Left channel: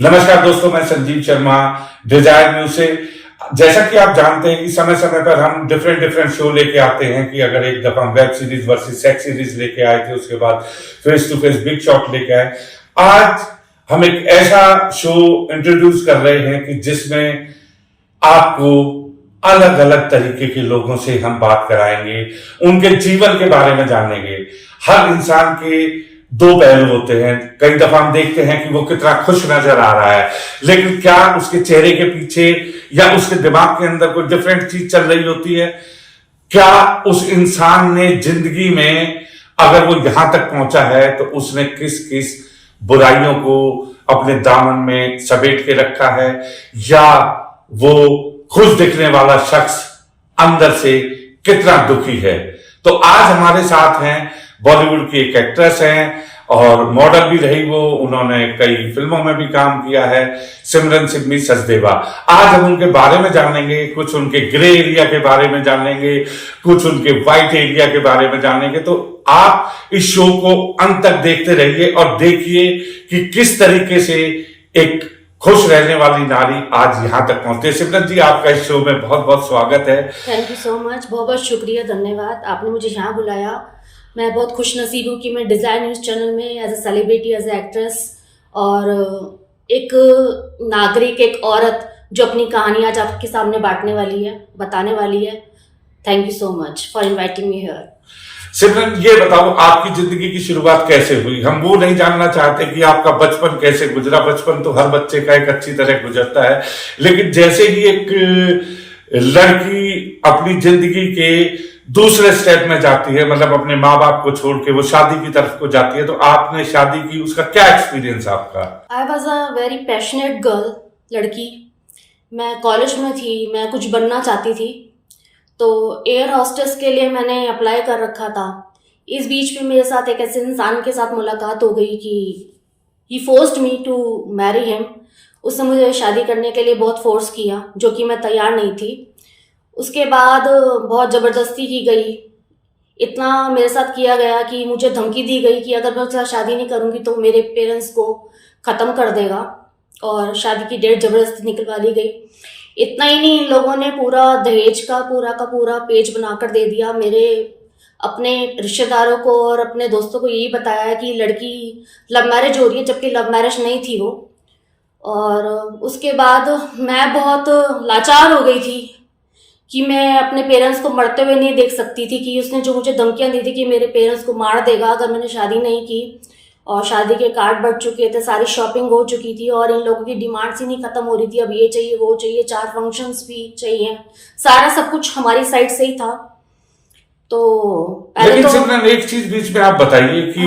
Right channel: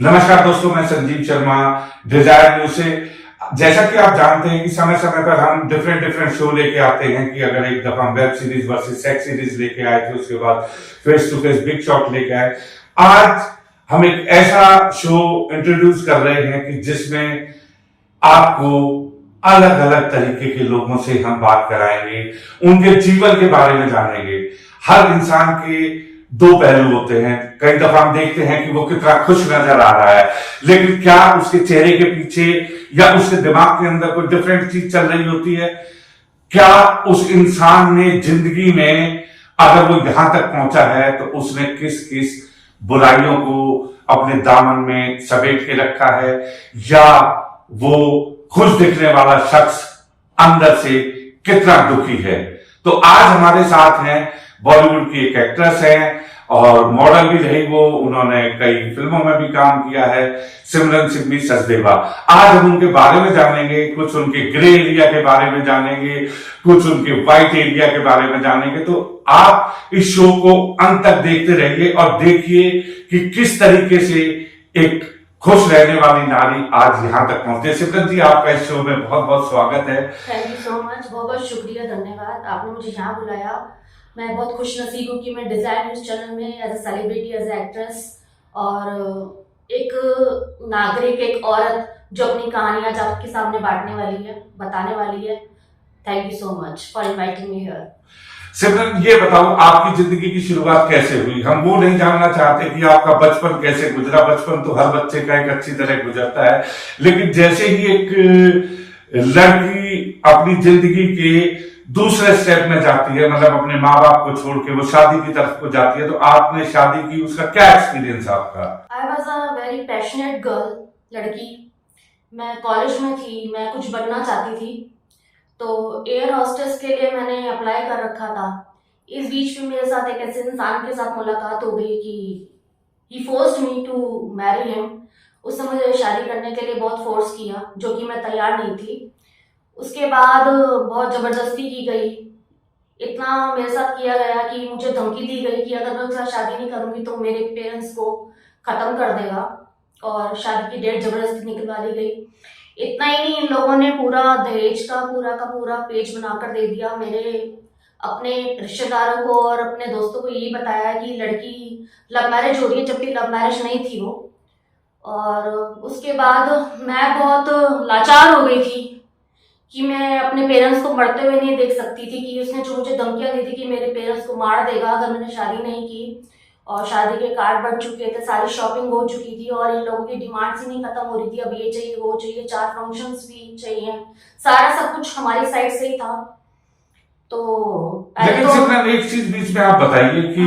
नमस्कार दोस्तों, मैं संजीव शर्मा डिजायर न्यूज से। जैसा कि आप जानते हैं कि समय समय पर हम डिफरेंट शो लेके आते हैं कि अगर एक दफा हम web series versus sex series लेके आए थे, उसके बाद face to face big shot लेके आए। आज हम एक ऐसा शो इंट्रोड्यूस कर रहे हैं कि जिसमें आपको अलग अलग तरीके के लोगों से हम बात कराएंगे, उनके जीवन के बारे में जानेंगे। हर इंसान के दो पहलू होते हैं। कई दफा हम देखते हैं कि वो कितना खुश नजर आ रहा है, लेकिन क्या उसके चेहरे के पीछे या उसके दिमाग के अंदर कोई डिफरेंट चीज चल रही होती है? क्या उस इंसान ने जिंदगी में, अगर वो यहां तक पहुंचा है, तो उसने किस किस बुराइयों को अपने दामन में समेट के रखा है, या वो खुश दिखने वाला शख्स अंदर से कितना दुखी है? तो आज हमारे साथ हैं बॉलीवुड की एक एक्ट्रेस हैं और मॉडल भी रही वो, उन्होंने कई फिल्मों में भी काम किया है, सिमरन सिग्मी सचदेवा। आज हम उनके बारे में जानेंगे, कुछ उनके ग्रे एरिया के बारे में जानेंगे, कुछ उनके व्हाइट एरिया के बारे में जानेंगे। तो आप इस शो को अंत तक देखते रहिए और देखिए कि किस तरीके से एक खुश रहने वाली नारी आज यहाँ तक पहुंचती है। सिमरन जी, आपका इस शो में बहुत बहुत स्वागत है। थैंक यू सो मच, बहुत बहुत शुक्रिया, धन्यवाद, आपने मुझे यहाँ बुलाया। मैं बहुत खुश नसीब हूँ कि मैं डिजायर न्यूज चैनल में as a celebrity, as a actress और एक नागरिक, एक औरत जो अपनी कहानी आज आपके सामने बांटने वाली है, बताने वाली है। Thank you so much for inviting me here. Simran, ये बताओ आपकी जिंदगी की शुरुआत कैसे हुई? हम वो नहीं जानना चाहते कि आपका बचपन कैसे गुजरा। बचपन तो हर बच्चे का एक अच्छी तरह गुजरता है, लेकिन जैसे ही एक लड़की अपनी जिंदगी के दूसरे स्टेप में जाती है, मतलब अपने माँ बाप को छोड़ के वो शादी की तरफ को जाती है, तो आपने शादी की, उसका क्या एक्सपीरियंस आपका? I was a very passionate girl, लड़की। मैं कॉलेज में थी, मैं कुछ बनना चाहती थी, तो एयर हॉस्टेस के लिए मैंने अप्लाई कर रखा था। इस बीच में मेरे साथ एक ऐसे इंसान के साथ मुलाकात हो गई कि he forced me to marry him. उसने मुझे शादी करने के लिए बहुत फोर्स किया, जो कि मैं तैयार नहीं थी। उसके बाद बहुत ज़बरदस्ती की गई, इतना मेरे साथ किया गया कि मुझे धमकी दी गई कि अगर मैं उसके साथ शादी नहीं करूँगी तो मेरे पेरेंट्स को ख़त्म कर देगा, और शादी की डेट ज़बरदस्ती निकलवा ली गई। इतना ही नहीं, इन लोगों ने पूरा दहेज का पूरा पेज बनाकर दे दिया। मेरे अपने रिश्तेदारों को और अपने दोस्तों को यही बताया कि लड़की लव मैरिज हो रही है, जबकि लव मैरिज नहीं थी वो। और उसके बाद मैं बहुत लाचार हो गई थी कि मैं अपने पेरेंट्स को मरते हुए नहीं देख सकती थी, कि उसने जो मुझे धमकियां दी थी कि मेरे पेरेंट्स को मार देगा अगर मैंने शादी नहीं की। और शादी के कार्ड बढ़ चुके थे, सारी शॉपिंग हो चुकी थी, और इन लोगों की डिमांड्स ही नहीं खत्म हो रही थी। अब ये चाहिए, वो चाहिए, 4 फंक्शंस भी चाहिए, सारा सब कुछ हमारी साइड से ही था। तो लेकिन सिमरन, एक चीज बीच में आप बताइए कि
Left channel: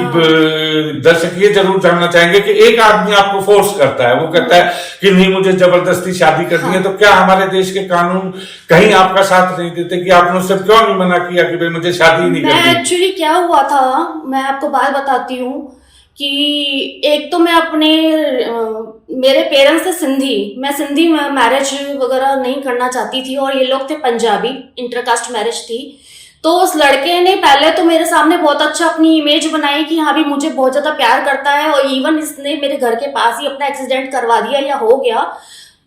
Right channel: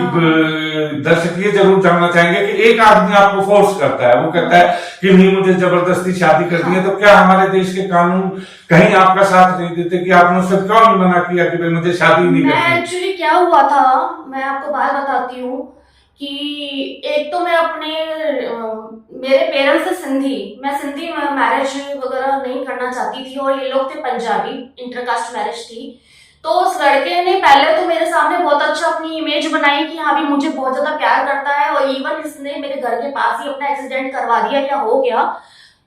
दर्शक ये जरूर जानना चाहेंगे कि एक आदमी आपको फोर्स करता है, वो कहता है कि नहीं मुझे जबरदस्ती शादी करनी है, तो क्या हमारे देश के कानून कहीं आपका साथ नहीं देते कि आपने उससे क्यों नहीं मना किया कि भाई मुझे शादी नहीं करनी? एक्चुअली क्या हुआ था, मैं आपको बात बताती हूँ कि एक तो मैं अपने मेरे पेरेंट्स थे सिंधी, मैं सिंधी मैरिज वगैरह नहीं करना चाहती थी, और ये लोग थे पंजाबी, इंटरकास्ट मैरिज थी। तो उस लड़के ने पहले तो मेरे सामने बहुत अच्छा अपनी इमेज बनाई कि हाँ भी मुझे बहुत ज्यादा प्यार करता है, और इवन इसने मेरे घर के पास ही अपना एक्सीडेंट करवा दिया या हो गया।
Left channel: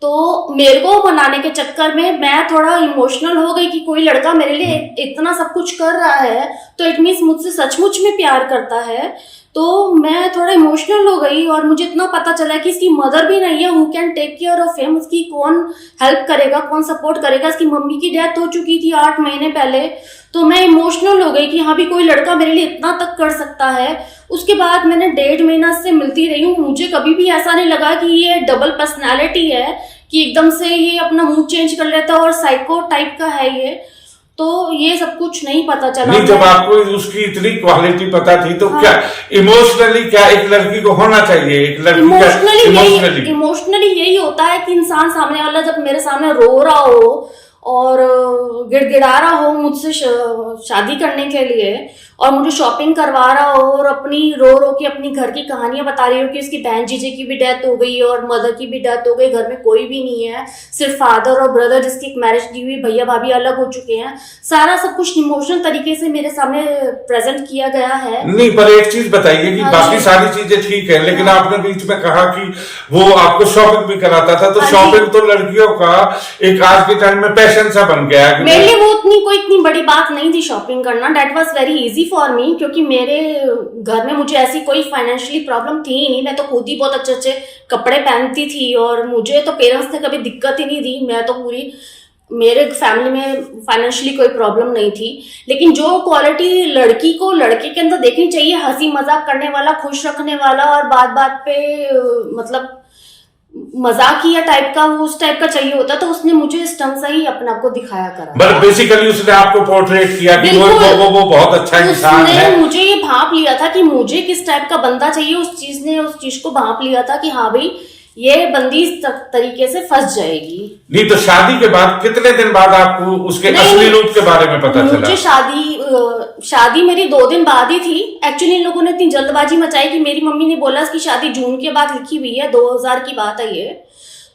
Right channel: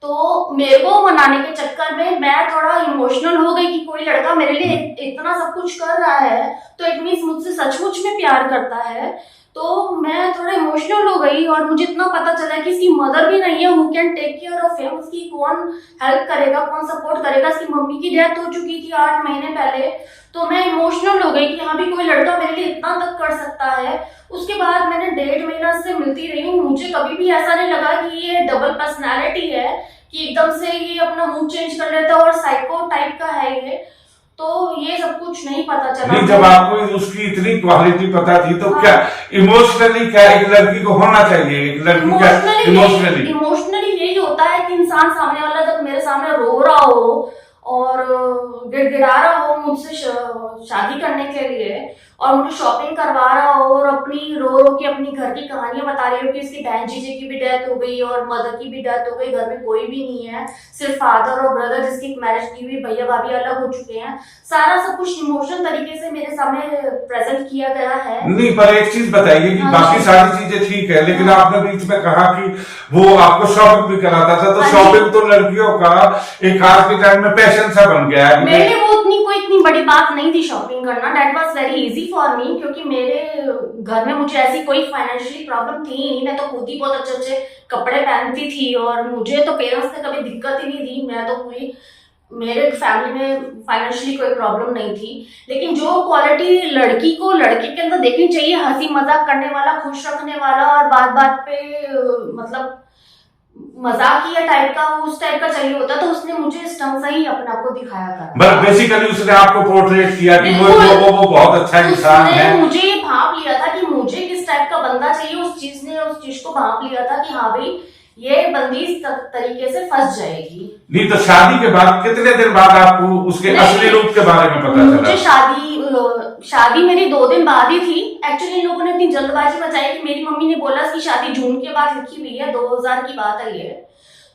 तो मेरे को मनाने के चक्कर में मैं थोड़ा इमोशनल हो गई कि कोई लड़का मेरे लिए इतना सब कुछ कर रहा है तो इट मीन्स मुझसे सचमुच में प्यार करता है। तो मैं थोड़ा इमोशनल हो गई, और मुझे इतना पता चला कि इसकी मदर भी नहीं है who can take care of him. उसकी कौन हेल्प करेगा, कौन सपोर्ट करेगा? इसकी मम्मी की डेथ हो चुकी थी 8 महीने पहले। तो मैं इमोशनल हो गई कि हाँ भी कोई लड़का मेरे लिए इतना तक कर सकता है। उसके बाद मैंने 1.5 महीना से मिलती रही हूँ, मुझे कभी भी ऐसा नहीं लगा कि ये डबल पर्सनैलिटी है, कि एकदम से ये अपना मूड चेंज कर लेता है और साइको टाइप का है ये। तो ये सब कुछ नहीं पता चला। नहीं, जब आपको उसकी इतनी क्वालिटी पता थी तो हाँ। क्या इमोशनली क्या एक लड़की को होना चाहिए? एक लड़की का इमोशनली यही होता है कि इंसान सामने वाला जब मेरे सामने रो रहा हो और गिड़गिड़ा रहा हो मुझसे शादी करने के लिए, और मुझे शॉपिंग करवा रहा हो, और अपनी रो रो के अपनी घर की कहानियां बता रही हो कि उसकी बहन जीजे की भी डेथ हो गई और मदर की भी डेथ हो गई, घर में कोई भी नहीं है, सिर्फ फादर और ब्रदर जिसकी मैरिज की हुई, भैया भाभी अलग हो चुके हैं। सारा सब कुछ इमोशनल तरीके से मेरे सामने प्रेजेंट किया गया है। नहीं, पर एक चीज बताइए कि हाँ बाकी जी। सारी चीजें ठीक है, लेकिन हाँ। आपने बीच में कहा कि वो आपको शॉपिंग भी कराता था, तो हाँ जी। शॉपिंग तो लड़कियों का एक आज के टाइम में पैशन सा बन गया है। मेरे लिए वो इतनी बड़ी बात नहीं थी शॉपिंग करना। That was very easy for me, क्योंकि मेरे घर में मुझे ऐसी कोई फाइनेंशियली प्रॉब्लम थी ही नहीं। मैं तो खुद ही बहुत अच्छे अच्छे कपड़े पहनती थी, और मुझे तो पेरेंट्स ने कभी दिक्कत ही नहीं दी। मैं तो पूरी, मेरे फैमिली में फाइनेंशियली कोई प्रॉब्लम नहीं थी। लेकिन जो क्वालिटी लड़की को लड़के के अंदर देखनी चाहिए, हंसी मजाक करने वाला, खुश रखने वाला, और बात बात पे मतलब मजाकिया टाइप का, उस टाइप का चाहिए होता, तो उसने मुझे इस ढंग से ही अपने आप को दिखाया करा। बट बेसिकली उसने आपको पोर्ट्रेट किया कि वो बहुत अच्छा इंसान है। उसने मुझे ये भांप लिया था कि मुझे किस टाइप का बंदा चाहिए। उस चीज को भांप लिया था कि हाँ भाई, ये बंदी इस तरीके से फंस जाएगी। नहीं, तो शादी के बाद कितने दिन बाद आपको उसके असली रूप के बारे में पता चला? मुझे शादी मेरी 2 दिन बाद ही थी। एक्चुअली इन लोगों ने इतनी जल्दबाजी मचाई कि मेरी मम्मी ने बोला इसकी शादी जून के बाद लिखी हुई है, 2000 की बात है ये।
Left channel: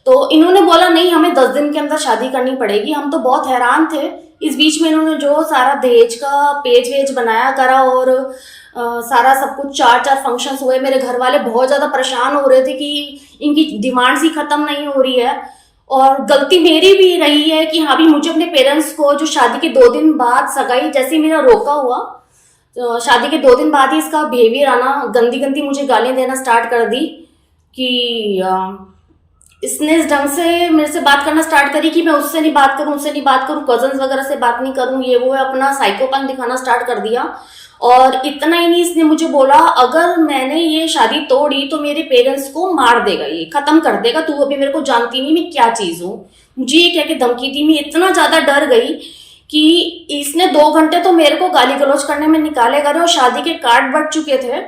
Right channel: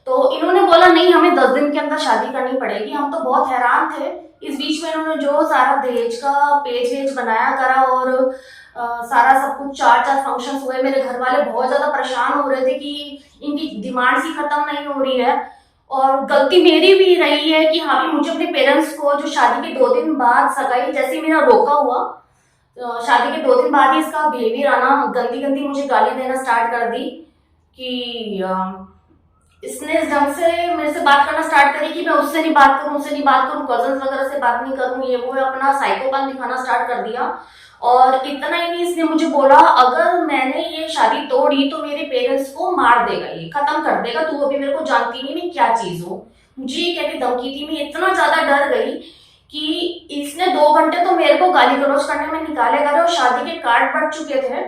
तो इन्होंने बोला नहीं, हमें 10 दिन के अंदर शादी करनी पड़ेगी। हम तो बहुत हैरान थे। इस बीच में इन्होंने जो सारा दहेज का पेज वेज बनाया करा, और सारा सब कुछ 4 फंक्शंस हुए। मेरे घर वाले बहुत ज्यादा परेशान हो रहे थे कि इनकी डिमांड्स ही खत्म नहीं हो रही है। और गलती मेरी भी रही है कि हाँ भी, मुझे अपने पेरेंट्स को जो शादी के 2 दिन बाद सगाई जैसे ही मेरा रोका हुआ, तो शादी के 2 दिन बाद ही इसका बिहेवियर आना, गंदी गंदी मुझे गालियां देना स्टार्ट कर दी कि इसने इस ढंग से मेरे से बात करना स्टार्ट करी कि मैं उससे नहीं बात करूं, उससे नहीं बात करूं, कजन्स वगैरह से बात नहीं करूं, ये वो है। अपना साइकोपन दिखाना स्टार्ट कर दिया। और इतना ही नहीं, इसने मुझे बोला अगर मैंने ये शादी तोड़ी तो मेरे पेरेंट्स को मार देगा, ये खत्म कर देगा, तू अभी मेरे को जानती नहीं मैं क्या चीज हूँ। मुझे ये कह के धमकी दी। मैं इतना ज्यादा डर गई कि इसने 2 घंटे तो मेरे को गाली गलौज करने में निकाले गए, और शादी के कार्ड बट चुके थे।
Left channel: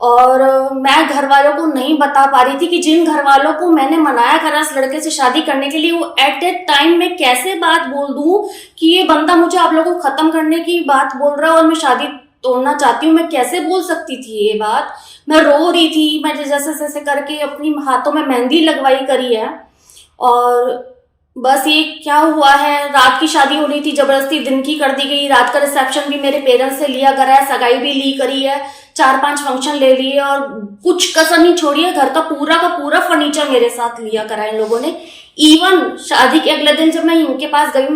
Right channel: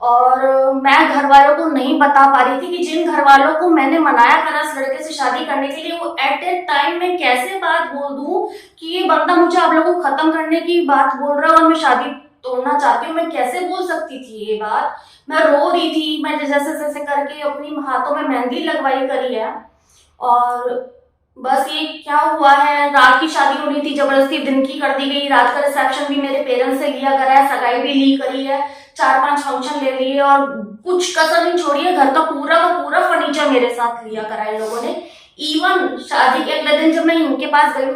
और मैं घर वालों को नहीं बता पा रही थी कि जिन घर वालों को मैंने मनाया करा इस लड़के से शादी करने के लिए, वो एट ए टाइम में कैसे बात बोल दूं कि ये बंदा मुझे आप लोगों को खत्म करने की बात बोल रहा है और मैं शादी तोड़ना चाहती हूँ। मैं कैसे बोल सकती थी ये बात? मैं रो रही थी। मैं जैसे जैसे करके अपनी हाथों में मेहंदी लगवाई करी है। और बस ये क्या हुआ है, रात की शादी होनी थी, जबरदस्ती दिन की कर दी गई। रात का रिसेप्शन भी मेरे पेरेंट्स से लिया करा है, सगाई भी ली करी है, 4-5 फंक्शन ले लिए, और कुछ कसर नहीं छोड़ी है। घर का पूरा फर्नीचर मेरे साथ लिया करा है इन लोगों ने। इवन शादी के अगले दिन जब मैं इनके पास गई,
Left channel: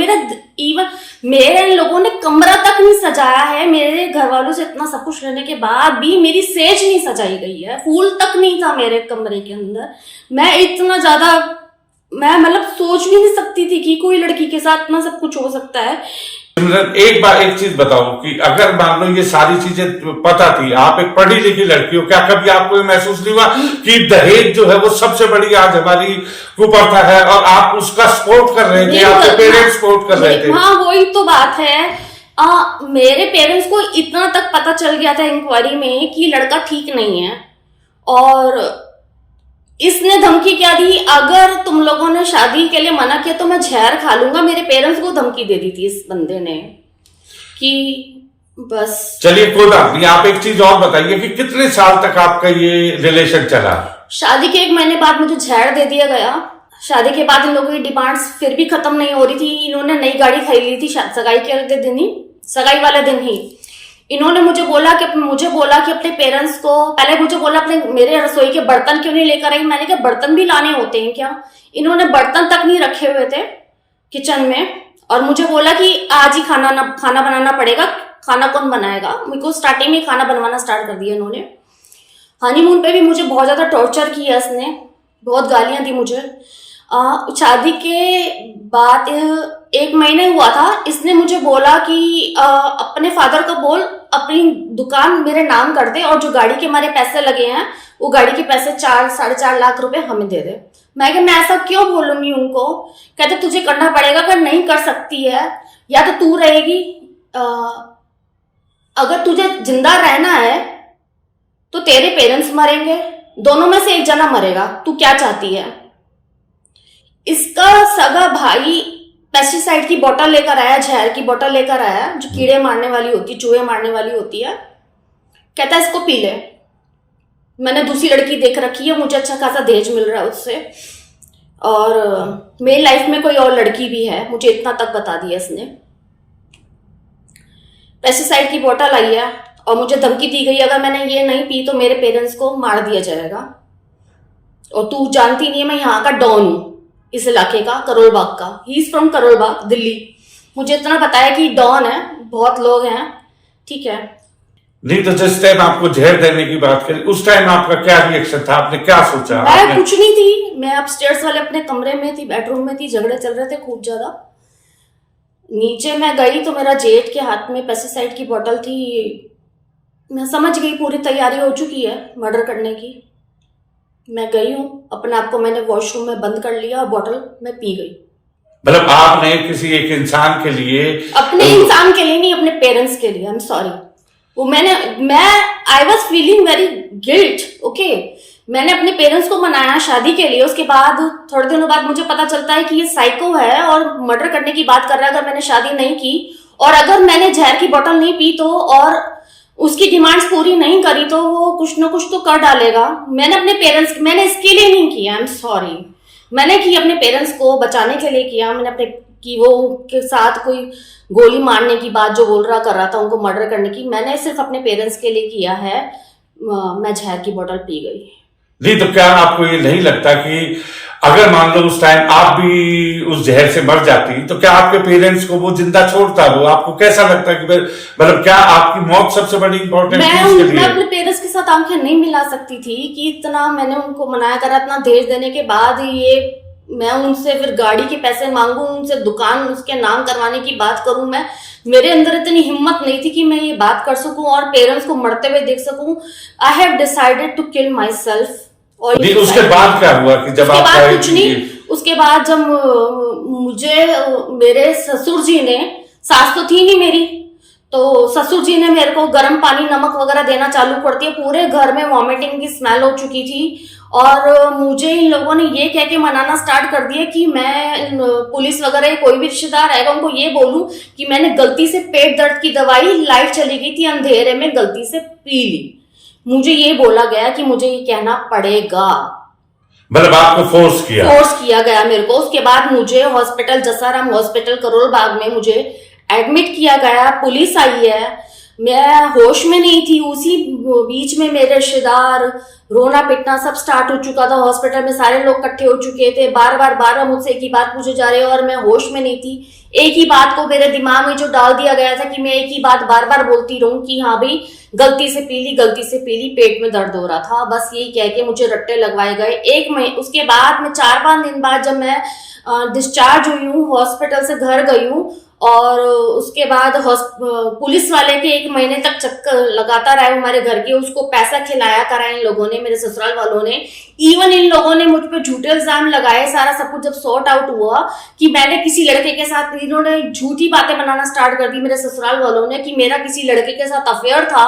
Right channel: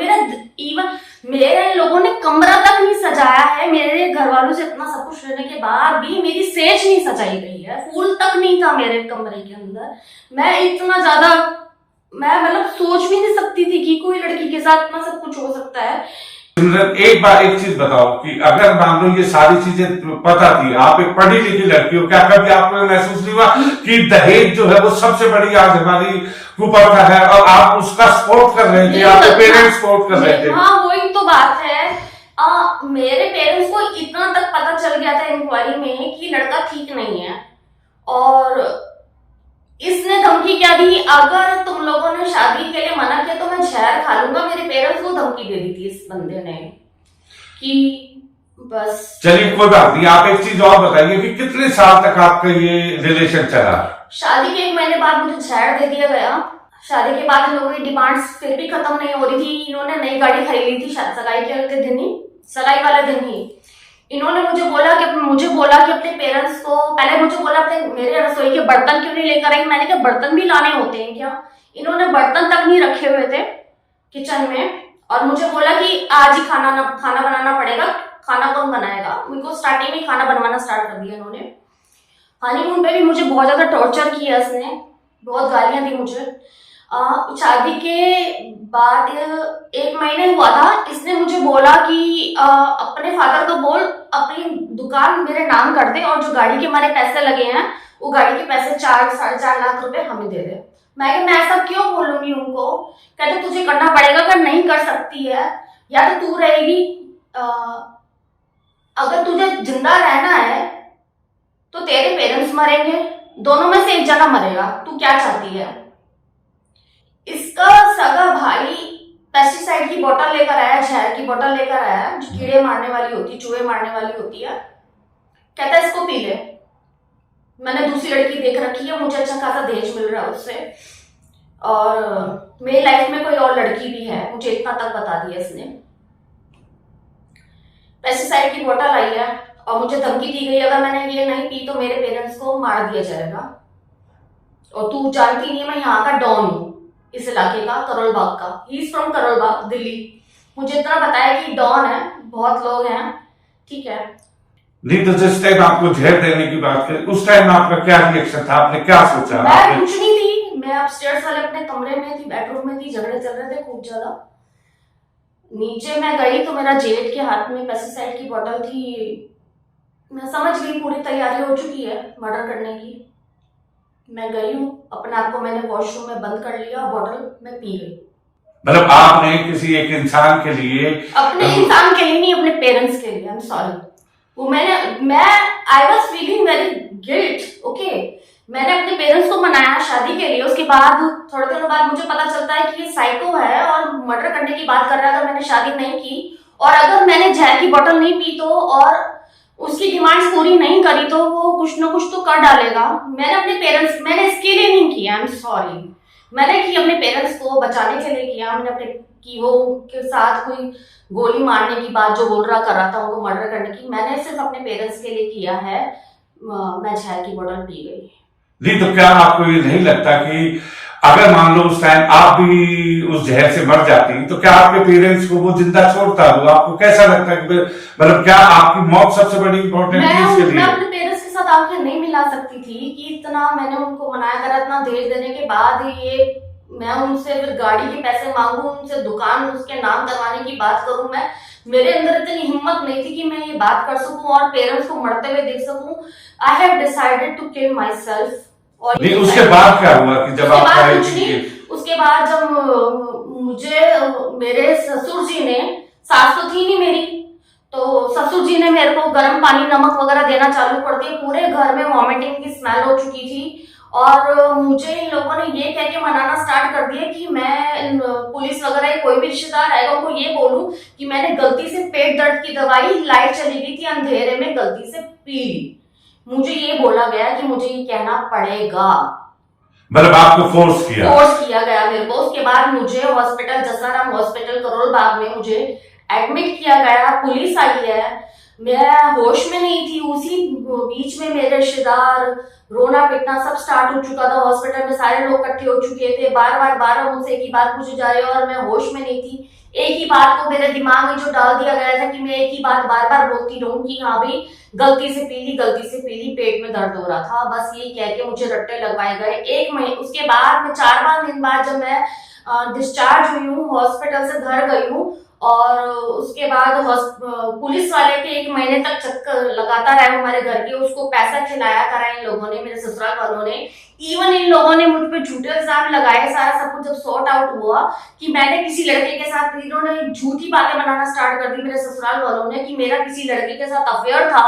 मेरे इन लोगों ने कमरा तक नहीं सजाया है। मेरे घर वालों से इतना सब कुछ रहने के बाद भी मेरी सेज नहीं सजाई गई है, फूल तक नहीं था मेरे कमरे के अंदर। मैं इतना ज्यादा, मैं मतलब सोच भी नहीं सकती थी कि कोई लड़की के साथ इतना सब कुछ हो सकता है। एक बार एक चीज बताओ कि अगर मान लो ये सारी चीजें पता थी, आप एक पढ़ी लिखी लड़की हो, क्या कभी आपको महसूस नहीं हुआ कि दहेज जो है वो सबसे बड़ी आज हमारी कुप्रथा है और आप उसका सपोर्ट कर रहे थे, आपके पेरेंट्स सपोर्ट कर रहे थे? हाँ, वही तो बात है। मेरे पेरेंट्स को इतना तक पता चल गया था इंक्वायरी में कि लड़का ठीक नहीं है, और इसने धमकी क्या दी, अगर तुम लोगों ने शादी के लिए मना किया तो मैं जहर खा लूंगा। मेरे पेरेंट्स को धमकी दे दी थी इस बंदे ने कि बस। चलिए कोई बात नहीं, आप एक चीज और बताइए कि कितने साल तक आपका ये रिलेशन चला? शादी के 1 महीने बाद मुझे जहर दे दिया गया। शादी के बाद इन लोगों की डिमांड्स फिर भी खत्म नहीं हो रही थी। इन्होंने नई गाड़ी खरीद ली थी सगाई के अगले दिन ही, सगाई वाले दिन ही। इन्होंने मुझे बोला कि अपने पेरेंट्स को, पहले मुझे बोला अपने मेरे रसोई के बर्तन क्यों नहीं लेकर आई। मैंने कहा बर्तन भी लाने होते हैं क्या? इन्होंने बर्तन तक नहीं रखे हुए थे किचन में, और मुझे बोला कि आज ही खाना बनाना पड़ेगा। खाना कौन बनाएगा? मेरे को स्टार्टिंग में खाना बनवाना स्टार्ट कर दिया इन्होंने। हनीमून पे भी मुझे बहुत ज्यादा टॉर्चर किया इसने, बहुत गालियां दी मुझे। शादी के बाद 1 महीने हुआ था, इसने मुझे बोला कि अपने फादर को बोल अपनी दुकान मेरे नाम कर दे, और जो गाड़ी के हमारे पैसे लगे हैं वो गाड़ी के पैसे 4-4.5 लाख रुपए हमें दे दे। मैं ऐसा क्यों बोलूंगी उनको? कहते तुझे करना पड़ेगा, अगर नहीं कर सकती है या तो तू रहेगी, अगर तुझे जिंदा रहना है तो तेरे पेरेंट्स मरेंगे, दोनों में से एक जना मरेगा, तू क्या चाहती है? इसका सगा भाई पेस्टिसाइड की बोतल लेकर आया, जहर की बोतल लेकर आया जो कीड़े मारने वाली होती, चूहे मारने वाली होती है। कहता है इसको पी ले। मैंने दूसरी लड़की देख रखी है, मुझे अच्छा खासा दहेज मिल रहा है उससे, और मेरी लाइफ में कोई और लड़की भी है, मुझे इतना तक बता दिया इसने। पेस्टिसाइड की बोतल आई है और मुझे धमकी दी गई अगर मैंने ये नहीं पी तो मेरे पेरेंट्स को मार दिया जाएगा। और तू जानती नहीं है मैं यहाँ का डॉन हूँ, इस इलाके का, करोल बाग का। He is from Karol Bagh, Delhi. मुझे इतना बताया कि डॉन है, बहुत लोग हैं, ठीक है। नहीं तो जिस टाइम आपको जहर देने की बात करें, उस टाइम आपका क्या रिएक्शन था? आपने क्या सोचा? मैं कुछ नहीं थी, मैं अपस्टेयर्स वाले अपने कमरे में थी, बेडरूम में थी, झगड़े चल रहे थे खूब ज्यादा। नीचे मैं गई तो मेरा जेठ के हाथ में पेस्टिसाइड की बोतल थी। मैं समझ गई पूरी तैयारी हो चुकी है मर्डर करने की। मैं गई हूँ, अपने आप को मैंने वॉशरूम में बंद कर लिया और बोतल मैं पी गई। मतलब आपने किसी एक इंसान के लिए, अपने इंसान के लिए नहीं, अपने पेरेंट्स के लिए। I am sorry. वो मैं I was feeling very guilt, okay. मैंने अपने पेरेंट्स को मनाया शादी के लिए, उसके बाद थोड़े दिनों बाद मुझे पता चलता है कि ये साइको है और मर्डर करने की बात कर रहा है अगर मैंने शादी नहीं की, और अगर मैंने जहर की बोतल नहीं पी तो, और उसकी डिमांड्स पूरी नहीं करी तो वो कुछ ना कुछ तो कर डालेगा। मैंने अपने पेरेंट्स, मैंने इसके लिए नहीं किया, आई एम सॉरी। मैंने की अपने पेरेंट्स को बचाने के लिए किया। मैंने अपने कि वो के साथ कोई गोली मारने की बात जो बोल रहा कर रहा था उनको मर्डर करने की, मैंने सिर्फ अपने पेरेंट्स के लिए किया है। मैं जहर की बोतल पी गई। नहीं तो क्या आपको ये नहीं लगता कि अगर मान लो उस टाइम आप भी उस जहर से मर जाती तो क्या आपके पेरेंट्स को वो जिंदा छोड़ता? वो आपको कैसा लगता कि मतलब क्या आपकी मौत सबसे बड़ी इंपॉर्टेंट थी उसके लिए? मैं अपने पेरेंट्स के साथ आंखें नहीं मिला सकती थी कि इतना मैंने उनको मनाया करा, इतना दहेज देने के बाद ये मैं उनसे फिर गाड़ी के पैसे मांगू, उनसे दुकान उसके नाम करवाने की बात करूं। मैं मेरे अंदर इतनी हिम्मत नहीं थी कि मैं ये बात कर सकूं और पेरेंट्स को मरते हुए देख सकूं। I have decided to kill myself. और नहीं उसके बाद क्या हुआ कि जब आप कुछ नहीं, उसके बाद जब मुझे मेरे ससुर जी ने, सास तो थी नहीं मेरी, तो ससुर जी ने मेरे को गर्म पानी नमक वगैरह देना चालू कर दिया। पूरे घर में वॉमिटिंग की स्मेल हो चुकी थी और मुझे इन लोगों ने ये कह के मनाना स्टार्ट कर दिया कि मैं पुलिस वगैरह कोई भी रिश्तेदार आएगा उनको ये बोलूं कि मैंने गलती से पेट दर्द की दवाई, लाइट चली गई थी अंधेरे में, गलती से पी ली। मुझे ये बोला गया कि मुझे ये कहना पड़ेगा। मतलब आपको फोर्स किया गया मेरे को। उसके बाद मुझे हॉस्पिटल, जसाराम हॉस्पिटल करोल बाग में मुझे एडमिट किया गया। पुलिस आई है, मैं होश में नहीं थी। उसी बीच में मेरे रिश्तेदार, रोना पिटना सब स्टार्ट हो चुका था। हॉस्पिटल में सारे लोग इकट्ठे हो चुके थे। बार बार मुझसे एक ही बात पूछे जा रहे और मैं होश में नहीं थी। एक ही बात को मेरे दिमाग में जो डाल दिया गया था कि मैं एक ही बात बार बार बोलती रहूं कि हाँ भाई गलती से पी ली, पेट में दर्द हो रहा था, बस यही कह के मुझे रट्टे लगवाए गए। एक महीने उसके बाद में 4-5 दिन बाद जब मैं डिस्चार्ज हुई हूँ, हॉस्पिटल से घर गई हूँ, और उसके बाद पुलिस वाले के 1 महीने तक चक्कर लगाता रहा हमारे घर के। उसको पैसा खिलाया करा इन लोगों ने, मेरे ससुराल वालों ने। इवन इन लोगों ने मुझ पे झूठे इल्जाम लगाए। सारा सब कुछ जब सॉर्ट आउट हुआ कि मैंने किसी लड़के के साथ, इन्होंने झूठी बातें बनाना स्टार्ट कर दी मेरे ससुराल वालों ने कि मेरा किसी लड़के के साथ अफेयर था।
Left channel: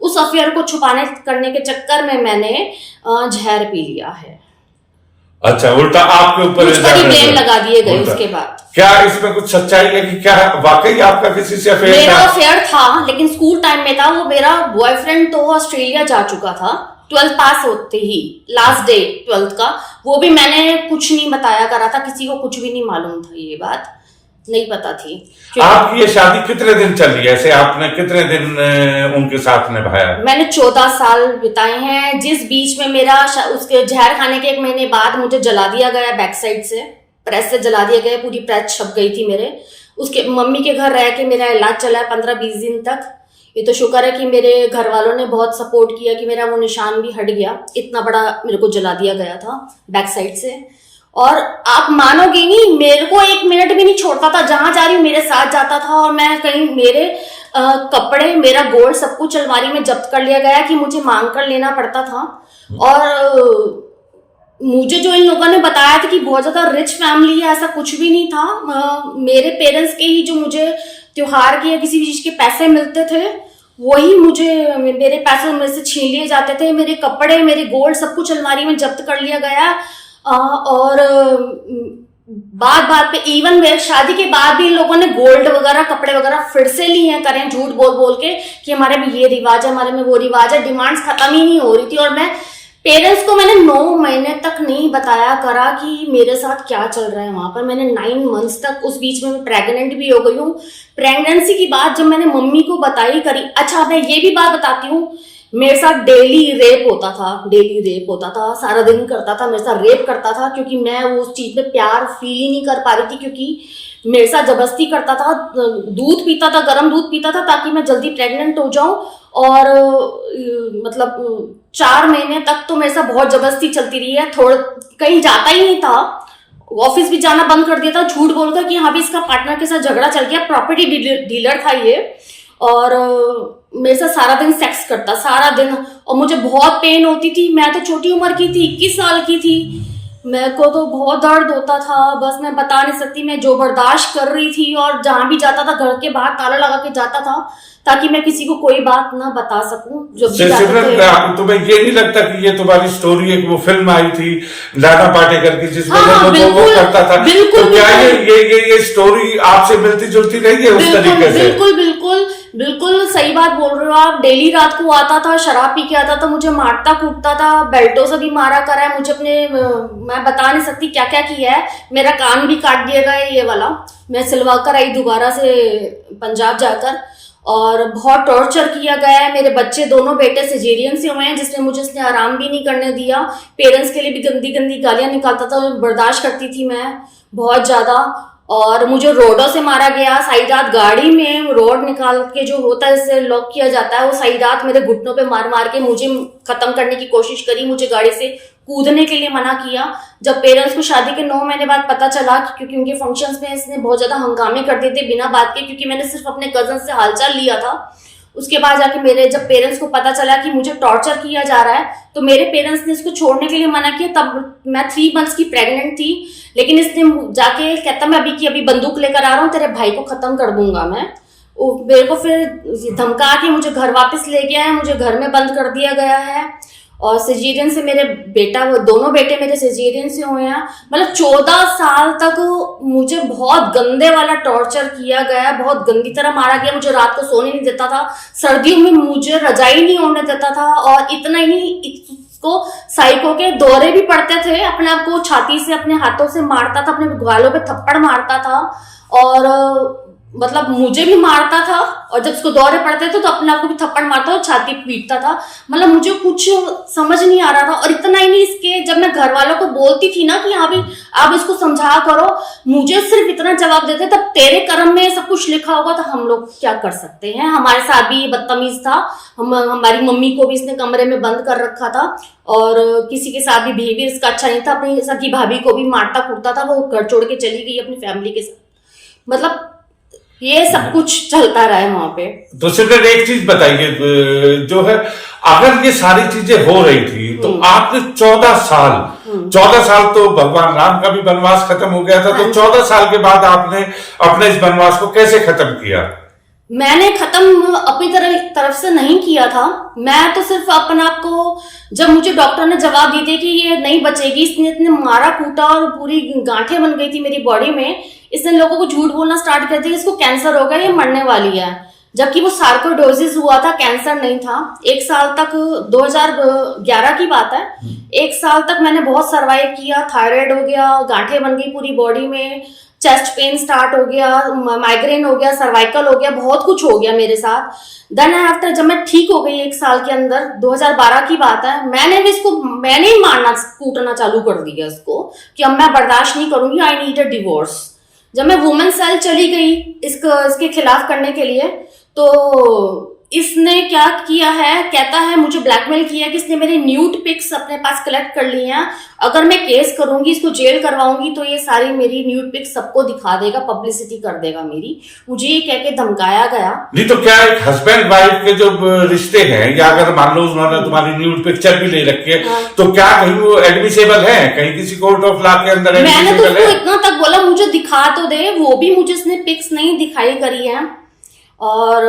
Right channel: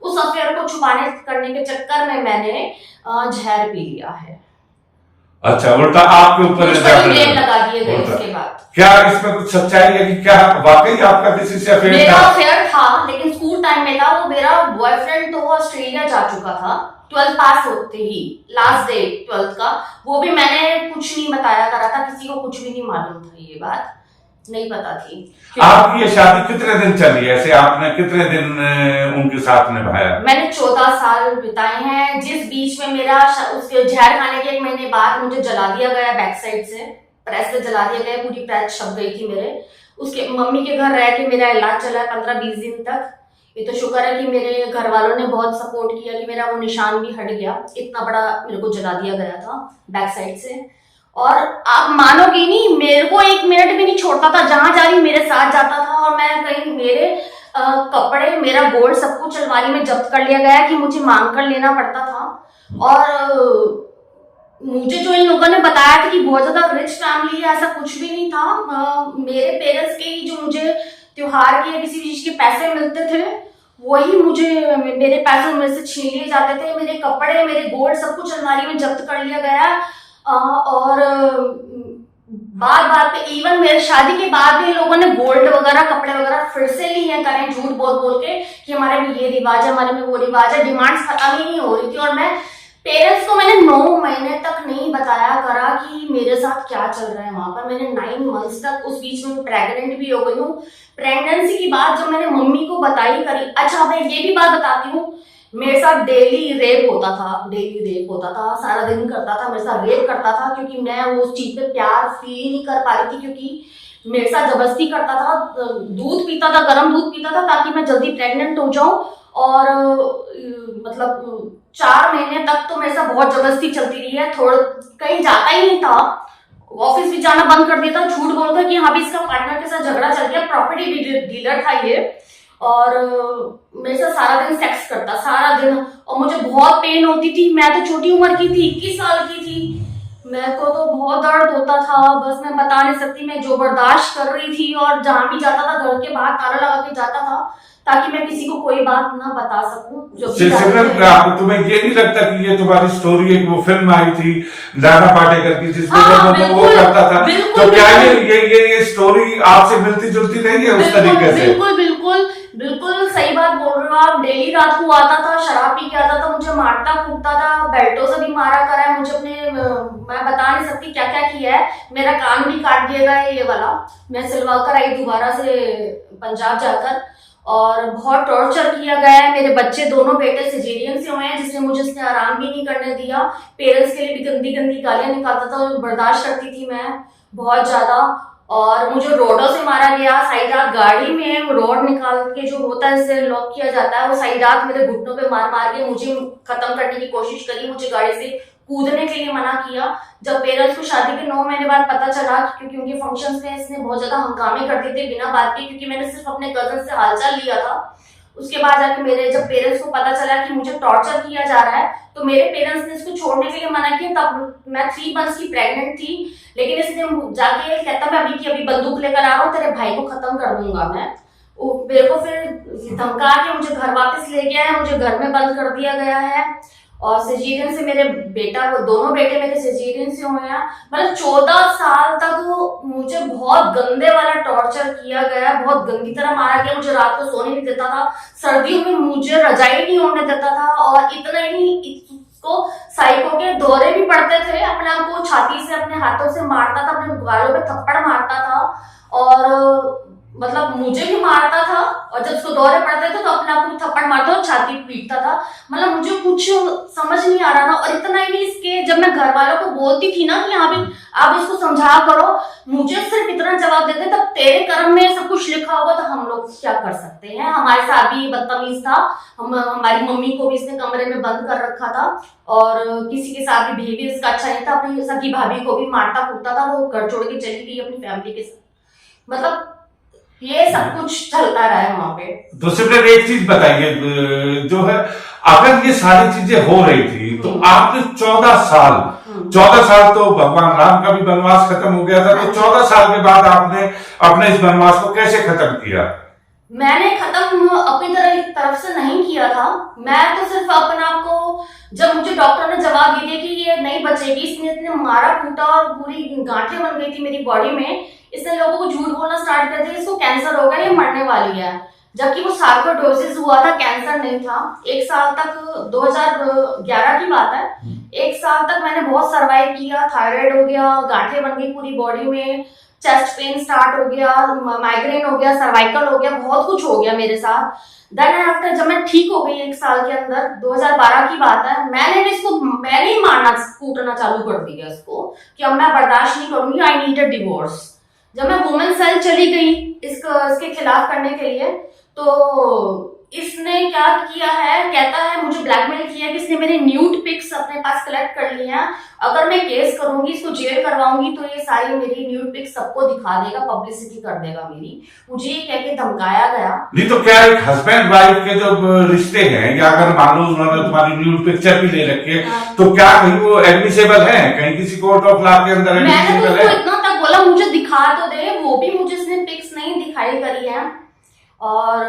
उस अफेयर को छुपाने करने के चक्कर में मैंने जहर पी लिया है। अच्छा, उल्टा आपके ऊपर इल्जाम लगा दिए गए। उसके बाद क्या इसमें कुछ सच्चाई है कि क्या वाकई आपका किसी से अफेयर था? मेरा अफेयर था, लेकिन स्कूल टाइम में था। वो मेरा बॉयफ्रेंड तो ऑस्ट्रेलिया जा चुका था 12th पास होते ही, लास्ट डे 12th का। वो भी मैंने कुछ नहीं बताया करा था, किसी को कुछ भी नहीं मालूम था, ये बात नहीं पता थी। आपकी ये शादी कितने दिन चली? ऐसे आपने कितने दिन उनके साथ निभाया? मैंने 14 साल बिताए हैं, जिस बीच में मेरा उसके जहर खाने के 1 महीने बाद मुझे जला दिया गया बैक साइड से, प्रेस से जला दिया गया। पूरी प्रेस छप गई थी मेरे। उसके मम्मी के घर रह के मेरा इलाज चला है 15-20 दिन तक। ये तो शुक्र है कि मेरे घर वालों ने बहुत सपोर्ट किया कि मेरा वो निशान भी हट गया। इतना बड़ा मेरे को जला दिया गया था बैक साइड से। और आप मानोगे नहीं, मेरे को 1 मिनट भी नहीं छोड़ता था, जहां जा रही मेरे साथ जाता था। और मैं कहीं मेरे कपड़े, मेरा गोल्ड सब कुछ अलमारी में जब्त कर लिया गया कि मुझे मांग कर लेना पड़ता था। और मुझे जो इन लोगों ने बताया था कि बहुत ज्यादा रिच फैमिली है, ऐसा कुछ भी नहीं था। मेरे पेरेंट्स के ही जो मुझे त्योहार के या किसी भी चीज के पैसे मिलते थे, वही मुझे मेरे पैसे मेरे से छीन लिए जाते थे। मेरे कपड़े, मेरे गोल्ड सब कुछ अलमारी में जब्त कर लिया गया। और बात बात पे इवन मेरे शादी के बाद भी इन लोगों ने गोल्ड वगैरह कपड़े वगैरह फिर से लिए हैं, करें झूठ बोल बोल के कि हमारे में ये रिवाज है, हमारे में वो रिवाज है। डिमांड्स खत्म ही नहीं हो रही थी और मैं पेरेंट्स को मैंने 9 महीने तक नहीं बताया करा कि मेरे साथ क्या चल रहा है वहां पर। मैंने 9 मंथ्स तक, उस बीच में प्रेग्नेंट भी हो गई हूँ। प्रेगनेंसी की बात जब मैंने मम्मी को बताई करी। अच्छा मैं ये भी बात बताती हूँ, मेरे साथ डेली रेप होता था, सारा दिन करता था, मेरे साथ रेप करता था, क्योंकि मैं वो उस चीज पे प्यार फील ही नहीं कर पा रही थी, क्योंकि मेरे साथ जबरदस्ती करता था, दूध पीता था, गर्म दूध पीता था ताकि मैं जल्दी प्रेग्नेंट हो जाऊं। और मतलब 4 महीने तक तो मेरे साथ बहुत जबरदस्ती चलती रही है। थोड़ा कहीं जाता ही नहीं था, ऑफिस भी जाना बंद कर दिया था, झूठ बोलकर कि हाँ भी इसका पार्टनर के साथ झगड़ा चल गया। प्रॉपर्टी डीलर था ये, और मेरे साथ सारा दिन सेक्स करता, सारा दिन। और मुझे बहुत पेन होती थी। मैं तो छोटी उम्र की थी, 21 साल की थी, मेरे को तो बहुत दर्द होता था, बस मैं बता नहीं सकती। मैं जो बर्दाश्त कर रही थी, और जहां भी जाता था घर के बाहर ताला लगा के जाता था ताकि मैं किसी को कोई बात ना बता सकूं। जो भी तुम्हें ये नहीं लगता कि ये तुम्हारी स्टोरी एक वो फिल्म आई थी नाना पाटेकर की जिसमें वो करता था, तो क्या ये स्टोरी आपसे मिलती जुलती रही है उस तरीके से? बिल्कुल सही बात बोल रहे हो आप। डेली रात को आता था, शराब पी के आता था, मुझे मारता कूटता था, बेल्टों से भी मारा करा है मुझे। अपने मैं बता नहीं सकती क्या क्या किया है। मेरा कान भी काट दिया गया है ये वाला, मैं सिलवा कर आई दोबारा से पंजाब जाकर, और बहुत टॉर्चर किया गया है। मेरे बच्चे दोनों बेटे सिजेरियन से हुए हैं, जिसने मुझे आराम भी नहीं करने दिया। पेरेंट्स के लिए भी गंदी गंदी गालियां निकालता था, बर्दाश्त करती थी मैं बहुत ज्यादा। और मुझे रोडों से मारा गया, सारी रात गाड़ी में रोड निकाल के जो होता है जिससे लॉक किया जाता है, वो सारी रात मेरे घुटनों पे मार मार के मुझे खत्म करने की कोशिश करी। मुझे गाड़ी से कूदने के लिए मना किया। जब पेरेंट्स को शादी के 9 महीने बाद पता चला, क्योंकि उनके फंक्शंस में इसने बहुत ज्यादा हंगामे कर दिए थे बिना बात के, क्योंकि मैंने सिर्फ अपने कजन से हालचाल लिया था। उसके बाद जाके मेरे जब पेरेंट्स को पता चला कि मुझे टॉर्चर किया जा रहा है, तो मेरे पेरेंट्स ने इसको छोड़ने के लिए मना किया। तब मैं 3 मंथ्स की प्रेग्नेंट थी, लेकिन इसने जाके कहता मैं अभी बंदूक लेकर आ रहा हूँ, तेरे भाई को खत्म कर दूंगा मैं। मेरे को फिर धमका के मुझे घर वापस ले गया है, मुझे घर में बंद कर दिया गया है। और सिजेरियन से मेरे बेटा, वो दोनों बेटे मेरे सिजेरियन से हुए हैं। मतलब 14 साल तक मुझे बहुत गंदे वाला टॉर्चर किया गया, बहुत गंदी तरह मारा गया। मुझे रात को सोने नहीं देता था, सर्दियों में मुझे रजाई नहीं होने देता था। और इतना ही नहीं, इसको साइको के दौरे भी पड़ते थे। अपने आप को छाती से अपने हाथों से मारता था, अपने गालों पे थप्पड़ मारता था, और मतलब मुझे भी मारता था। और जब उसको दौरे पड़ते थे तो अपने आप को भी थप्पड़ मारता था, छाती पीटता था। मतलब मुझे कुछ समझ नहीं आ रहा था। और इतना ही नहीं, इसके जब मैं घर वालों को बोलती थी ना कि हाँ भी आप इसको समझा करो, मुझे सिर्फ इतना जवाब देते, तब तेरे कर्म में सब कुछ लिखा होगा तो हम लोग क्या कर सकते हैं। हमारे साथ भी बदतमीज था, हमारी मम्मी को भी इसने कमरे में बंद कर रखा था, और किसी के साथ भी बिहेवियर इसका अच्छा नहीं था। अपनी सगी भाभी को भी मारता कूटता था, वो घर छोड़ के चली गई अपनी फैमिली के साथ। मतलब ये सब कुछ चलता रहा है वहां पे। तो सिर्फ एक चीज बताइए, जो है अगर ये सारी चीजें हो रही थी तो आपने 14 साल तो भगवान राम का भी वनवास खत्म हो गया था, तो 14 साल के बाद आपने अपने इस वनवास को कैसे खत्म किया? मैंने खत्म अपनी तरफ से नहीं किया था। मैं तो सिर्फ अपने आप को, जब मुझे डॉक्टर ने जवाब दी थी कि ये नहीं बचेगी, इसने इतने मारा कूटा और पूरी गांठें बन गई थी मेरी बॉडी में, इसने लोगों को झूठ बोलना स्टार्ट कर दिया, इसको कैंसर हो गया, ये मरने वाली है। जबकि वो सार्कोइडोसिस हुआ था, कैंसर नहीं था। 1 साल तक, 2011 की बात है, 1 साल तक मैंने बहुत सर्वाइव किया। थायराइड हो गया, गांठें बन गई पूरी बॉडी में, चेस्ट पेन स्टार्ट हो गया, माइग्रेन हो गया, सर्वाइकल हो गया, बहुत कुछ हो गया मेरे साथ। देन आफ्टर जब मैं ठीक हो गई 1 साल के अंदर, 2012 की बात है, मैंने ही मारना कूटना चालू कर दिया इसको कि अब मैं बर्दाश्त नहीं करूंगी, आई नीड अ डिवोर्स। जब मैं वुमेन सेल चली गई इसके खिलाफ करने के लिए, तो इसने क्या किया है, कहता है मुझे ब्लैकमेल किया कि इसने मेरे न्यूड पिक्स अपने पास कलेक्ट कर लिए हैं, अगर मैं केस करूंगी, इसको जेल करवाऊंगी, तो ये सारी मेरी न्यूड पिक्स सबको दिखा देगा, पब्लिसिटी कर देगा मेरी। मुझे ये कह के धमकाया गया। जी, तो क्या एक हस्बैंड वाइफ के जो रिश्ते हैं, या अगर मान लो उन्होंने तुम्हारी न्यूड पिक्चर भी ले रखी है, तो क्या कहीं वो एडमिसेबल है, कहीं किसी कोर्ट ऑफ लॉ के अंदर मैंने तो इतना तक बोला मुझे दिखा तो दे, वो भी मुझे इसने पिक्स नहीं दिखाई करी है। और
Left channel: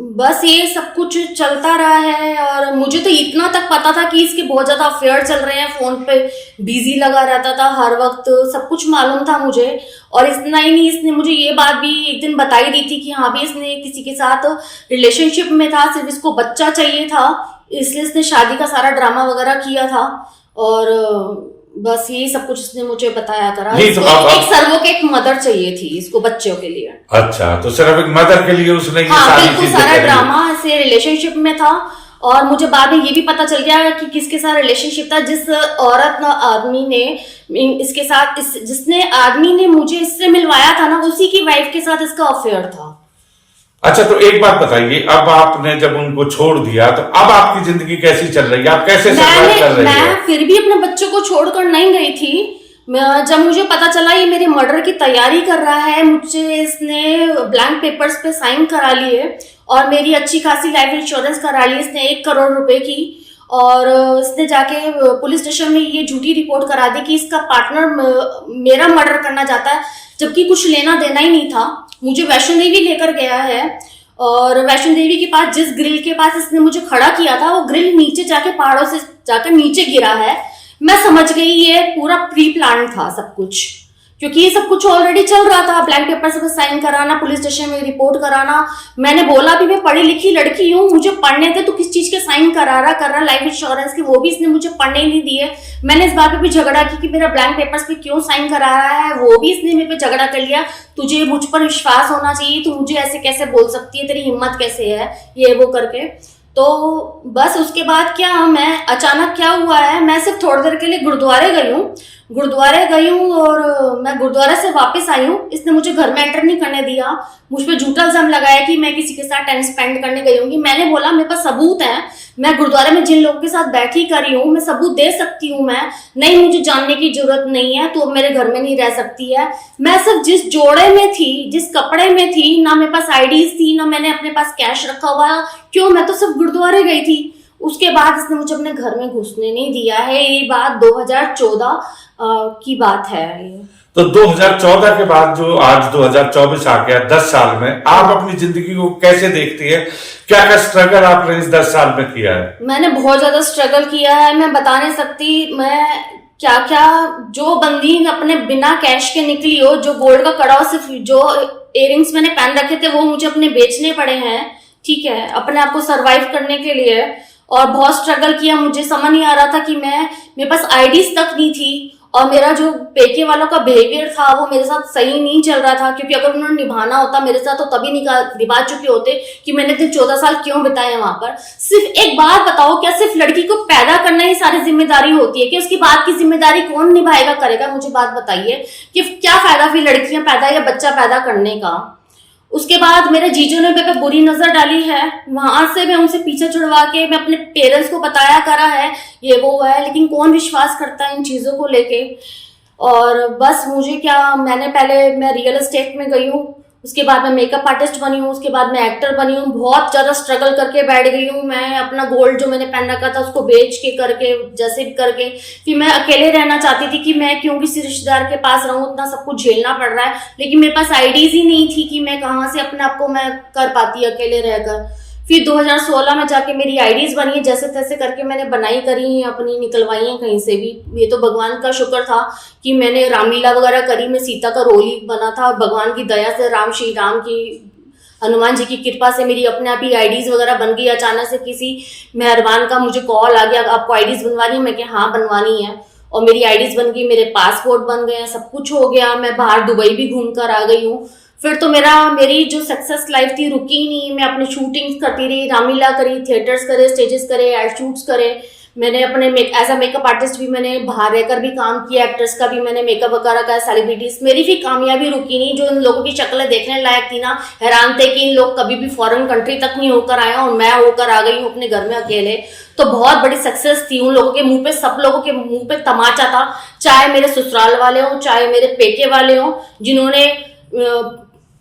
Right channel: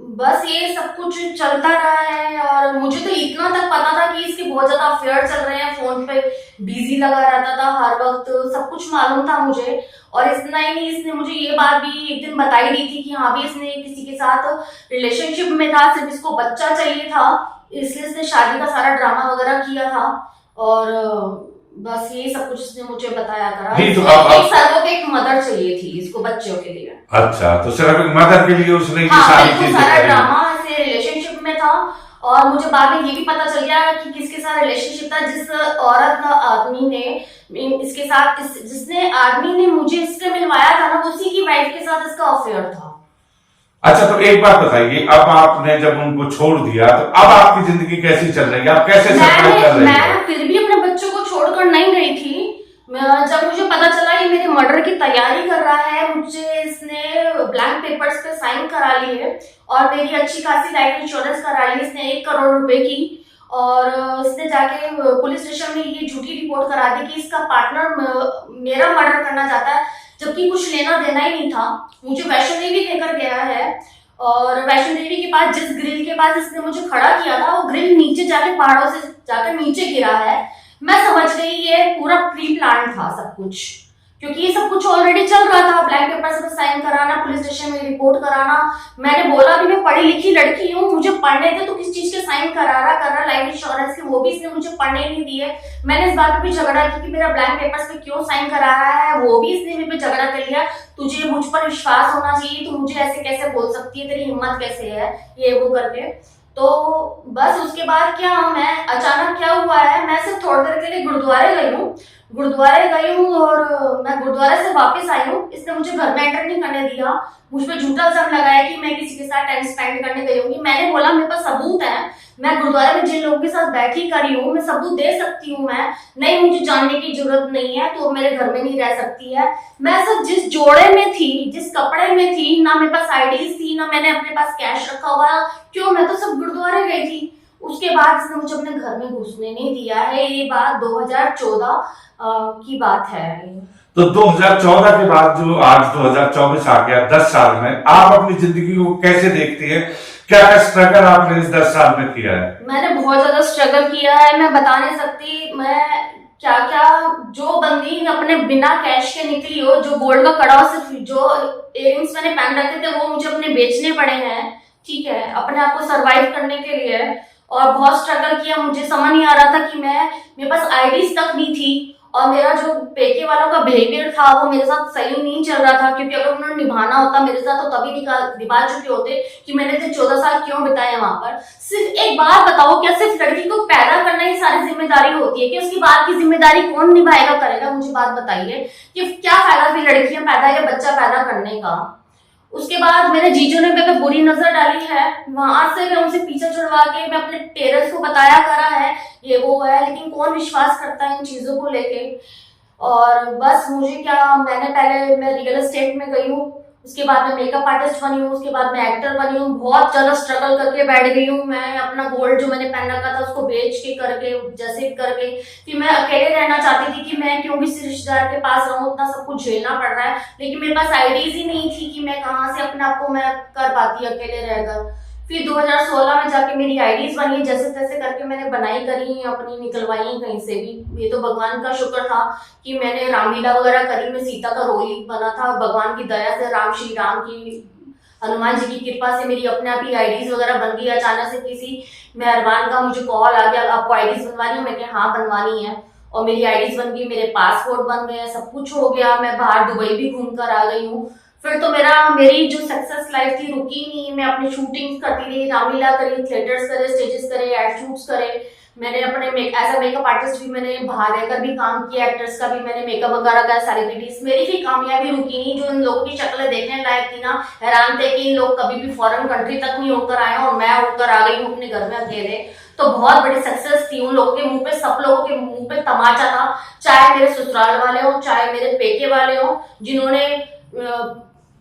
बस ये सब कुछ चलता रहा है, और मुझे तो इतना तक पता था कि इसके बहुत ज्यादा अफेयर चल रहे हैं, फोन पे बिजी लगा रहता था हर वक्त, सब कुछ मालूम था मुझे। और इतना ही नहीं, इसने मुझे ये बात भी एक दिन बताई दी थी कि हाँ भी इसने किसी के साथ रिलेशनशिप में था, सिर्फ इसको बच्चा चाहिए था, इसलिए इसने शादी का सारा ड्रामा वगैरह किया था। और बस यही सब कुछ इसने मुझे बताया करा। नहीं तो एक सर्वोकेट मदर चाहिए थी इसको बच्चों के लिए। अच्छा, तो सिर्फ एक मदर के लिए उसने ये हाँ सारी बिल्कुल, चीजें सारा करी। ड्रामा से रिलेशनशिप में था। और मुझे बाद में ये भी पता चल गया कि किसके साथ रिलेशनशिप था, जिस औरत आदमी ने इसके साथ जिसने आदमी ने मुझे इससे मिलवाया था ना, उसी की वाइफ के साथ इसका अफेयर था। अच्छा, तो एक बात बताइए, अब आपने जब उनको छोड़ दिया तो अब आपकी जिंदगी कैसी चल रही है, आप कैसे सर्वाइव कर रही है? मैं फिर भी अपने बच्चों को छोड़कर नहीं गई थी। जब मुझे पता चला ये मेरे मर्डर की तैयारी कर रहा है, मुझे इसने ब्लैंक पेपर्स पे साइन करा लिए और मेरी अच्छी खासी लाइफ इंश्योरेंस करा ली इसने 1 करोड़ रुपए की। और इसने जाके पुलिस स्टेशन में ये झूठी रिपोर्ट करा दी कि इसका पार्टनर मेरा मर्डर करना चाहता है, जबकि कुछ लेना देना ही नहीं था। मुझे वैष्णो देवी लेकर गया है, और वैष्णो देवी के पास जिस ग्रिल के पास इसने मुझे खड़ा किया था, वो ग्रिल नीचे जाके पहाड़ों से जाकर नीचे गिरा है। मैं समझ गई ये पूरा प्री प्लान था सब कुछ, क्योंकि ये सब कुछ ऑलरेडी चल रहा था। ब्लैक पेपर पे साइन कराना, पुलिस स्टेशन में रिपोर्ट कराना। मैंने बोला भी मैं पढ़ी लिखी लड़की हूँ, मुझे पढ़ने दे, तो किस चीज के साइन करा रहा करना लाइफ इंश्योरेंस के, वो भी इसने मुझे पढ़ने नहीं दिए। मैंने इस बात पे भी झगड़ा किया कि मेरा ब्लैंक पेपर्स पे क्यों साइन करा रहा है, वो भी इसने मेरे पे झगड़ा कर लिया। तुझे मुझ पर विश्वास होना चाहिए, तू मुझे ऐसे कैसे बोल सकती है, तेरी हिम्मत कैसे है, ये वो करके। तो बस उसके बाद क्या, मैं अचानक क्या हुआ है, मैं सिर्फ थोड़ी देर के लिए गुरुद्वारे गई हूँ और मैं गुरुद्वारे से वापस आई हूँ। इसने मुझे घर में एंटर नहीं करने दिया, मुझ पे झूठा इल्जाम लगाया कि मैं किसी के साथ टाइम स्पेंड करने गई हूँ। मैंने बोला मेरे पास सबूत है, मैं गुरुद्वारे में जिन लोगों के साथ बैठी करी हूँ, मैं सबूत दे सकती हूँ। मैं नहीं, मुझे जानने की जरूरत नहीं है, तो मेरे घर में नहीं रह सकती है। मैं सिर्फ जिस जोड़े में थी, जिस कपड़े में थी, ना मेरे पास आईडीज थी, ना मैंने अपने पास कैश रखा हुआ, क्यों, मैं तो सिर्फ गुरुद्वारे गई थी। उसके बाद इसने मुझे अपने घर में घुसने नहीं दिया है। ये बात 2014 की बात है। तो 2014 के बाद जो आज 2024 आ गया, 10 साल में आप अपनी जिंदगी को कैसे देखती है? क्या क्या स्ट्रगल आपने इस 10 साल में किया है? मैंने बहुत ज्यादा स्ट्रगल किया है, मैं बता नहीं सकती मैं क्या क्या। जो बंदी अपने बिना कैश के निकली हो, जो गोल्ड का कड़ा, सिर्फ जो इयररिंग्स मैंने पहन रखे थे वो मुझे अपने बेचने पड़े हैं, ठीक है, अपने आप को सरवाइव करने के लिए। और बहुत स्ट्रगल किया, मुझे समझ नहीं आ रहा था कि मेरे पास आईडीज तक नहीं थी, और मेरा जो पेके वालों का बिहेवियर था वो मेरे साथ सही नहीं चल रहा था। क्योंकि अगर उन्होंने निभाना होता मेरे साथ, तो तभी निभा चुके होते कि मैंने 14 साल क्यों बिताए वहां पर। सिर्फ एक बात बताओ, क्या सिर्फ लड़की को पैदा करना ही सारी जिम्मेदारी होती है कि उसकी बात की जिम्मेदारी कौन निभाएगा, करेगा? मुझे बात बताइए कि क्या फायदा फिर लड़कियां पैदा या बच्चा पैदा करने का। उसके बाद मेरे जीजू ने मेरे पे बुरी नजर डाली है, वहां से मैं उनसे पीछे छुड़वा के मैं अपने पेरेंट्स को बताया करा है ये वो है, लेकिन कौन विश्वास करता है इन चीजों को लेके। और बस मुझे क्या, मैं रियल एस्टेट में गई हूँ, उसके बाद मैं मेकअप आर्टिस्ट बनी हूँ, उसके बाद मैं एक्टर बनी हूँ। बहुत ज्यादा स्ट्रगल करके बैठ गई हूँ मैं, अपना गोल्ड जो मैंने पहन रखा था उसको बेच के करके, जैसे भी करके। फिर मैं अकेले रहना चाहती थी कि मैं क्यों किसी रिश्तेदार के पास रहूं, इतना सब कुछ झेलना पड़ रहा है। लेकिन मेरे पास आईडीज ही नहीं थी कि मैं कहाँ से अपने आप को मैं कर पाती अकेले रहकर। फिर 2016 में जाके मेरी आईडीज बनी है, जैसे तैसे करके मैंने बनाई करी अपनी, निकलवाई है कहीं से भी। ये तो भगवान का शुक्र था कि मैंने रामलीला वगैरह करी, मैं सीता का रोल ही बना था। भगवान की दया से, श्री राम की, हनुमान जी की कृपा से मेरी अपने आप ही आईडीज वगैरह बन गई। अचानक से किसी मेहरबान का मुझे कॉल आ गया, आपको आईडीज बनवानी है? मैं कहा हाँ बनवानी है, और मेरी आईडीज बन गई, मेरे पासपोर्ट बन गए, सब कुछ हो गया। मैं बाहर दुबई भी घूम कर आ गई हूँ। फिर तो मेरी जो सक्सेस लाइफ थी रुकी ही नहीं। मैं अपनी शूटिंग्स करती रही, रामलीला करी, थिएटर्स करे, स्टेजेस करे, एड शूट्स करे। मैंने अपने एज अ मेकअप आर्टिस्ट भी मैंने बाहर रहकर भी काम किया, एक्टर्स का भी मैंने मेकअप वगैरह का, सेलिब्रिटीज। मेरी भी कामयाबी रुकी नहीं। जो इन लोगों की शक्लें देखने लायक थी ना, हैरान थे कि इन लोग कभी भी फॉरेन कंट्री तक नहीं होकर आए, और मैं होकर आ गई हूँ अपने घर में अकेले। तो बहुत बड़ी सक्सेस थी। उन लोगों के मुंह पे, सब लोगों के मुंह पे तमाचा था, चाहे मेरे ससुराल वाले हों, चाहे मेरे पेके वाले हों, जिन्होंने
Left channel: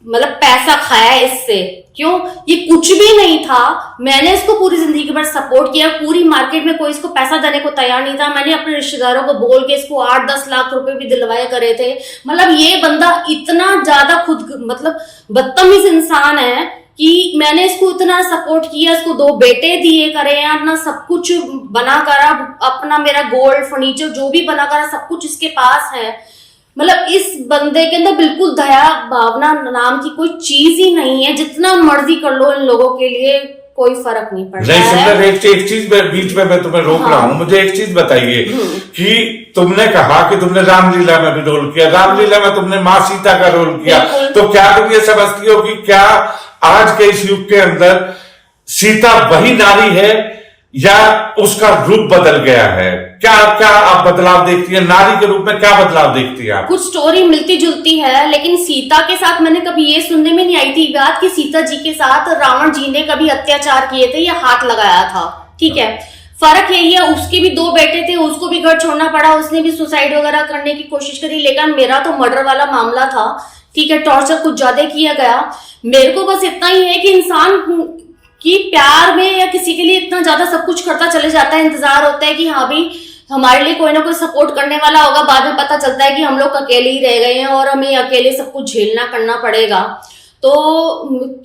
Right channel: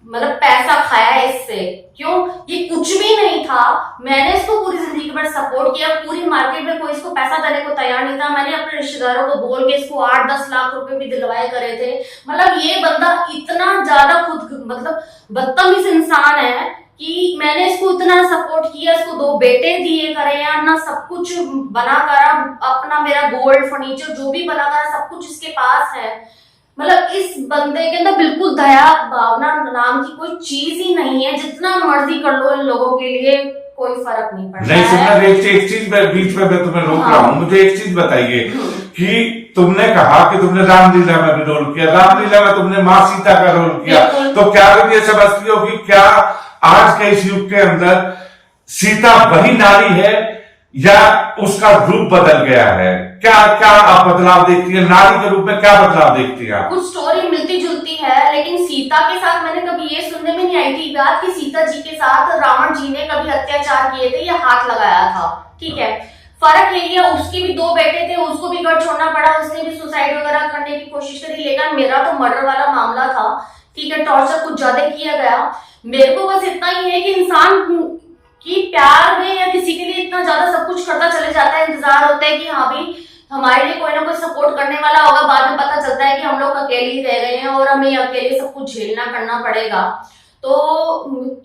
मतलब पैसा खाया है इससे। क्यों? ये कुछ भी नहीं था, मैंने इसको पूरी जिंदगी भर सपोर्ट किया। पूरी मार्केट में कोई इसको पैसा देने को तैयार नहीं था। मैंने अपने रिश्तेदारों को बोल के इसको 8-10 लाख रुपए भी दिलवाए करे थे। मतलब ये बंदा इतना ज्यादा खुद मतलब बदतमीज इंसान है कि मैंने इसको इतना सपोर्ट किया, इसको 2 बेटे दिए करे हैं, अपना सब कुछ बना कर, अपना मेरा गोल्ड फर्नीचर जो भी बना कर सब कुछ इसके पास है। मतलब इस बंदे के अंदर बिल्कुल दया भावना नाम की कोई चीज ही नहीं है। जितना मर्जी कर लो, इन लोगों के लिए कोई फर्क नहीं पड़ता नहीं है। सुंदर, एक चीज बीच में मैं तुम्हें रोक रहा हूँ, मुझे एक चीज बताइए कि तुमने कहा कि तुमने रामलीला में भी रोल किया, रामलीला में तुमने माँ सीता का रोल किया, तो क्या तुम ये समझती हो कि क्या आज के इस युग के अंदर सीता वही नारी है या उसका रूप बदल गया है? क्या क्या आप बदलाव देखती है नारी के रूप में? क्या बदलाव देखती है आप? कुछ स्टोरी मिलती जुलती है, लेकिन सीता के साथ मैंने कभी ये सुनने में नहीं आई थी बात कि सीता जी के साथ रावण जी ने कभी अत्याचार किए थे या हाथ लगाया था। ठीक है, फर्क यही है, उसके भी 2 बेटे थे, उसको भी घर छोड़ना पड़ा, उसने भी सुसाइड वगैरह करने की कोशिश करी, लेकिन मेरा तो मर्डर वाला मामला था। ठीक है, टॉर्चर कुछ ज्यादा किया गया। मेरे को बस इतना ही है कि इंसान कि प्यार में या किसी के लिए इतना ज्यादा सब कुछ करता चले जाता है, इंतजार होता है कि हाँ भी हमारे लिए कोई ना कोई सपोर्ट करने वाला होगा, बाद में पता चलता है कि हम लोग अकेले ही रह गए हैं और हमें अकेले सब कुछ झेलना करना पड़ेगा। तो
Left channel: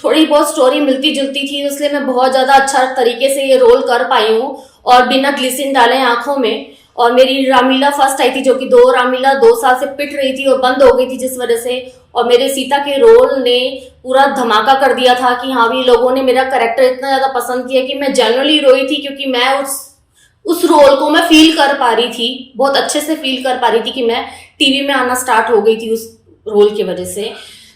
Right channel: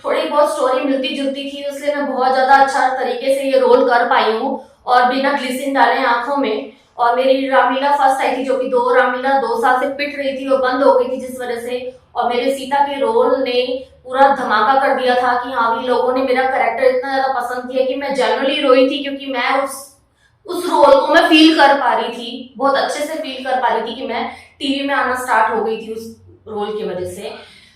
थोड़ी बहुत स्टोरी मिलती जुलती थी, इसलिए मैं बहुत ज्यादा अच्छा तरीके से ये रोल कर पाई हूँ और बिना ग्लिसरीन डाले आंखों में। और मेरी रामलीला फर्स्ट आई थी, जो कि 2 रामलीला 2 साल से पिट रही थी और बंद हो गई थी जिस वजह से, और मेरे सीता के रोल ने पूरा धमाका कर दिया था कि हाँ भी लोगों ने मेरा कैरेक्टर इतना ज्यादा पसंद किया कि मैं जनरली रोई थी, क्योंकि मैं उस रोल को मैं फील कर पा रही थी, बहुत अच्छे से फील कर पा रही थी कि मैं टीवी में आना स्टार्ट हो गई थी उस रोल की वजह से।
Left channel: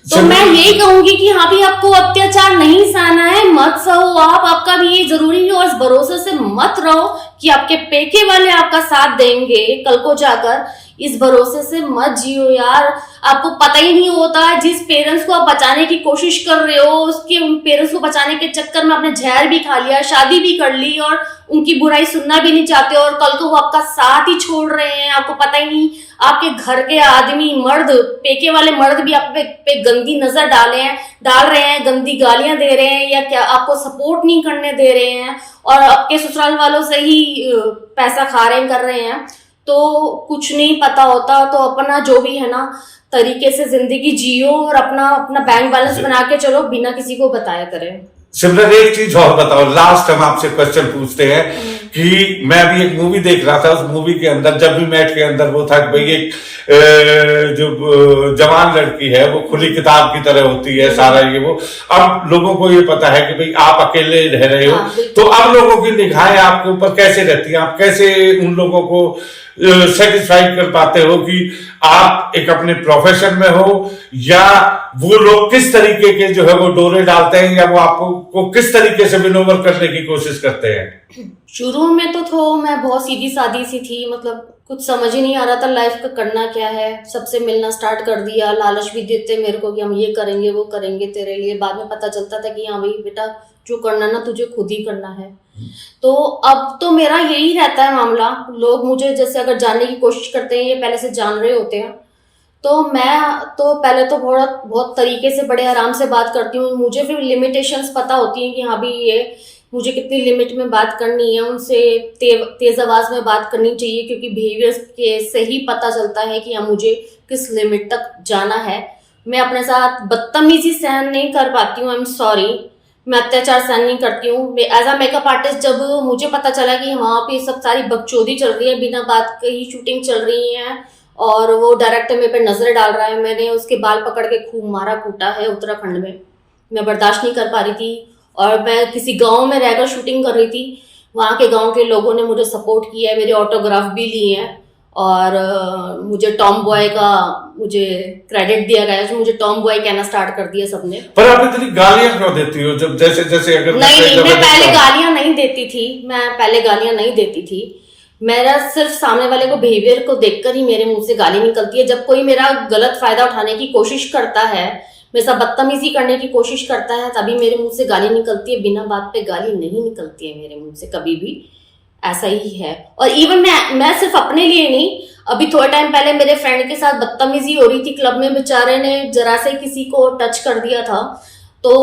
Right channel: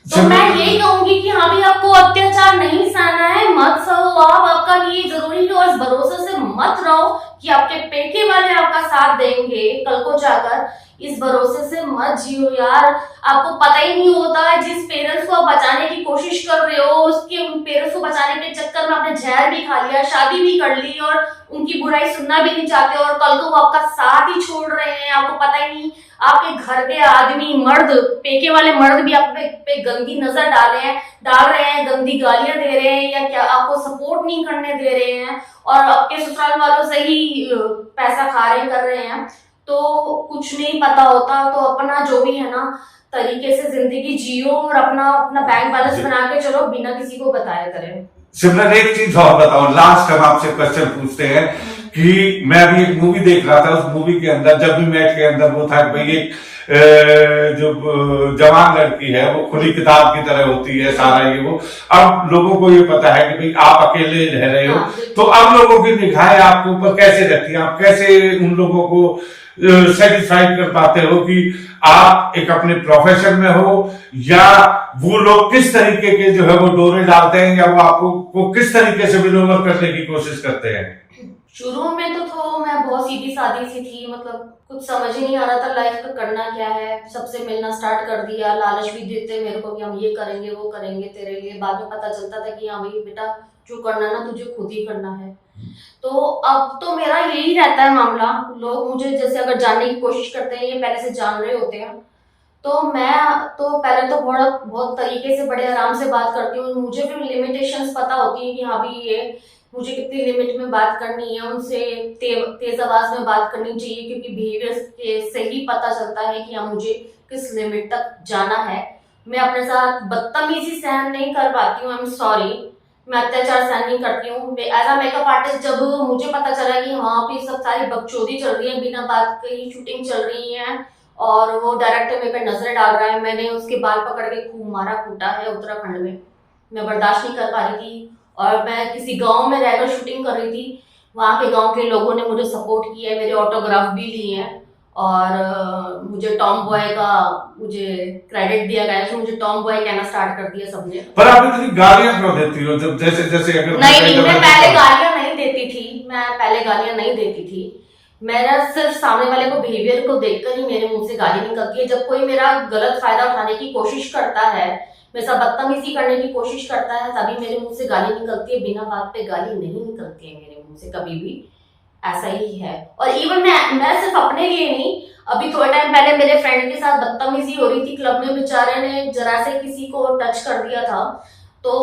तो मैं यही कहूंगी कि हाँ भी आपको अत्याचार नहीं सहना है, मत सहो आप, आपका भी ये जरूरी है, और इस भरोसे से मत रहो कि आपके पेके वाले आपका साथ देंगे कल को जाकर। इस भरोसे से मत जियो यार, आपको पता ही नहीं होता जिस पेरेंट्स को आप बचाने की कोशिश कर रहे हो, उसके पेरेंट्स को बचाने के चक्कर में आपने जहर भी खा लिया, शादी भी कर ली और उनकी बुराई सुनना भी नहीं चाहते, और कल को वो आपका साथ ही छोड़ रहे हैं। आपको पता ही नहीं, आपके घर के आदमी मर्द, पेके वाले मर्द भी आप पे गंदी नजर डाल रहे हैं, गंदी गालियां दे रहे हैं, या क्या आपको सपोर्ट नहीं करने दे रहे हैं, और आपके ससुराल वालों से ही पैसा खा रहे कर रहे हैं। तो कुछ नहीं पता होता, तो अपना जो भी है ना तरीके से जिंदगी जियो और अपना बैंक बैलेंस बना के चलो, बिना किसी को बताया करें। सिमरन एक चीज और बताओ, लास्ट हम आपसे क्वेश्चन पूछते हैं कि मैं अभी एक मूवी देख रहा था, उस मूवी के अंदर जब भी मैट के अंदर वो था कि भाई एक जो जवान लड़की है वो खुली किताब की तरह होती है सारा ये वो। अब लोगों को ये पता है कि भाई आप अकेले रह रहे हो, तो अब लोगों की निगाहें आपके ऊपर कैसे रहती है? आप कैसे उन लोगों को सेटिस्फाइड कर पाते हो कि आप एक अपने प्रोफेशन में हो, या वो लोग किस तरीके के जो है वो डोरे डालते हैं, या वो आपको को किस तरीके से विनोवर करने की कोशिश करते हैं? शुरू में तो मैं बहुत सीधी सादी सी थी, मतलब कुछ समझ ही नहीं आ रहा था लाइफ का करना क्या है। सबसे मिलना स्टार्ट कर दिया, लालच भी देते मेरे को कि हम ये करेंगे वो करेंगे तेरे लिए। बाद में पता चलता था कि हाँ भाई बेटा जो करना ना तुझे खुद ही करना है। तो अब तो मेरा यही रहता है मामला, लोग मुझे जैसे अगर जानने की कोशिश करते हैं, ये पहले से जान रहे होते हैं, तो मैं तो पहले तो बहुत तरीके से बड़े आराम से बात करती हूँ। मुझे फिर लिमिटेशंस पता होती हैं कि हाँ भी ये मुझे कितनी लिमिट में बात करनी है, उनसे तेज आवाज में बात करनी चाहिए, क्योंकि बिहेवियर के से ही पता चलता है कि हाँ मुझे किस लिमिट तक जाना है। मैं अपने साथ बदतमीजी सहन नहीं कर पाती हूँ, आई एम सॉरी, मैं अत्याचार सहन नहीं करती हूँ। एज अ मेकअप आर्टिस्ट जब मुझे पता चला कि वहाँ पे सब सारी बकचोदी चल रही है, बिना बात के ही शूटिंग चल रही है और वो डायरेक्टर मेरे पे नजर डाल रहा है, मैंने उसके बाल पकड़ के खूब मारा कूटा है उत्तराखंड में। मैं बर्दाश्त नहीं कर पा रही थी, और मैं किसी गांव में रहकर शूटिंग कर रही थी। वहाँ के गांव के लोगों ने मुझे सपोर्ट किया है, मेरे ऑटोग्राफ भी लिए हैं, और मुझे टॉम बॉय का मुझे क्रेडिट दिया गया है, मुझे टॉम बॉय कहना स्टार्ट कर दिया सबने। पर आप इतनी गालियां क्यों देती हो? जब जैसे अगर नहीं, मैं पहले गालियां नहीं देती थी। मेरा सिर्फ सामने वाले को बिहेवियर को देखकर ही मेरे मुंह से गाली निकलती है। जब कोई मेरा गलत फायदा उठाने की कोशिश करता है, मेरे साथ बदतमीजी करने की कोशिश करता है, तभी मेरे मुंह से गाली निकलती है। बिना बात पे गाली नहीं निकलती है मेरे मुंह से कभी भी, ऐसा ही है। और इवन मैं सिर्फ अपने लिए नहीं, अभी थोड़ा टाइम पहले मेरे फ्रेंड के साथ बदतमीजी हो रही थी क्लब में, बेचारे ने जरा से किसी को टच कर दिया था, तो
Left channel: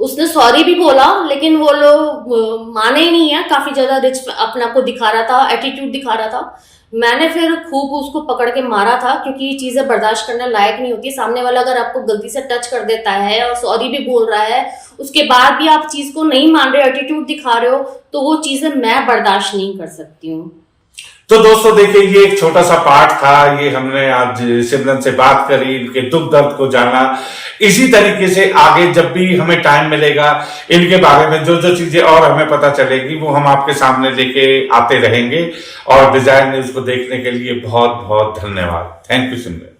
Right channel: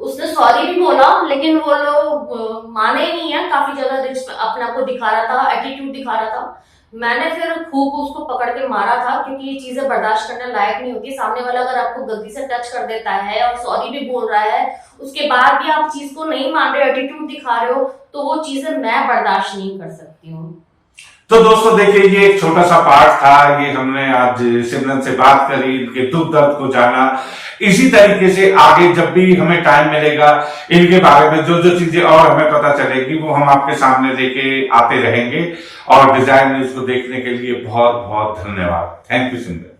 उसने सॉरी भी बोला, लेकिन वो लोग माने ही नहीं है। काफी ज्यादा रिच अपने आप को दिखा रहा था, एटीट्यूड दिखा रहा था, मैंने फिर खूब उसको पकड़ के मारा था, क्योंकि ये चीजें बर्दाश्त करने लायक नहीं होती। सामने वाला अगर आपको गलती से टच कर देता है और सॉरी भी बोल रहा है, उसके बाद भी आप चीज को नहीं मान रहे, एटीट्यूड दिखा रहे हो, तो वो चीजें मैं बर्दाश्त नहीं कर सकती हूँ। तो दोस्तों देखिए, ये एक छोटा सा पार्ट था, ये हमने आज सिमरन से बात करी, इनके दुख दर्द को जाना। इसी तरीके से आगे जब भी हमें टाइम मिलेगा, इनके बारे में जो जो चीजें और हमें पता चलेगी वो हम आपके सामने लेके आते रहेंगे। और डिजायर न्यूज को देखने के लिए बहुत बहुत धन्यवाद। Thank you Simran.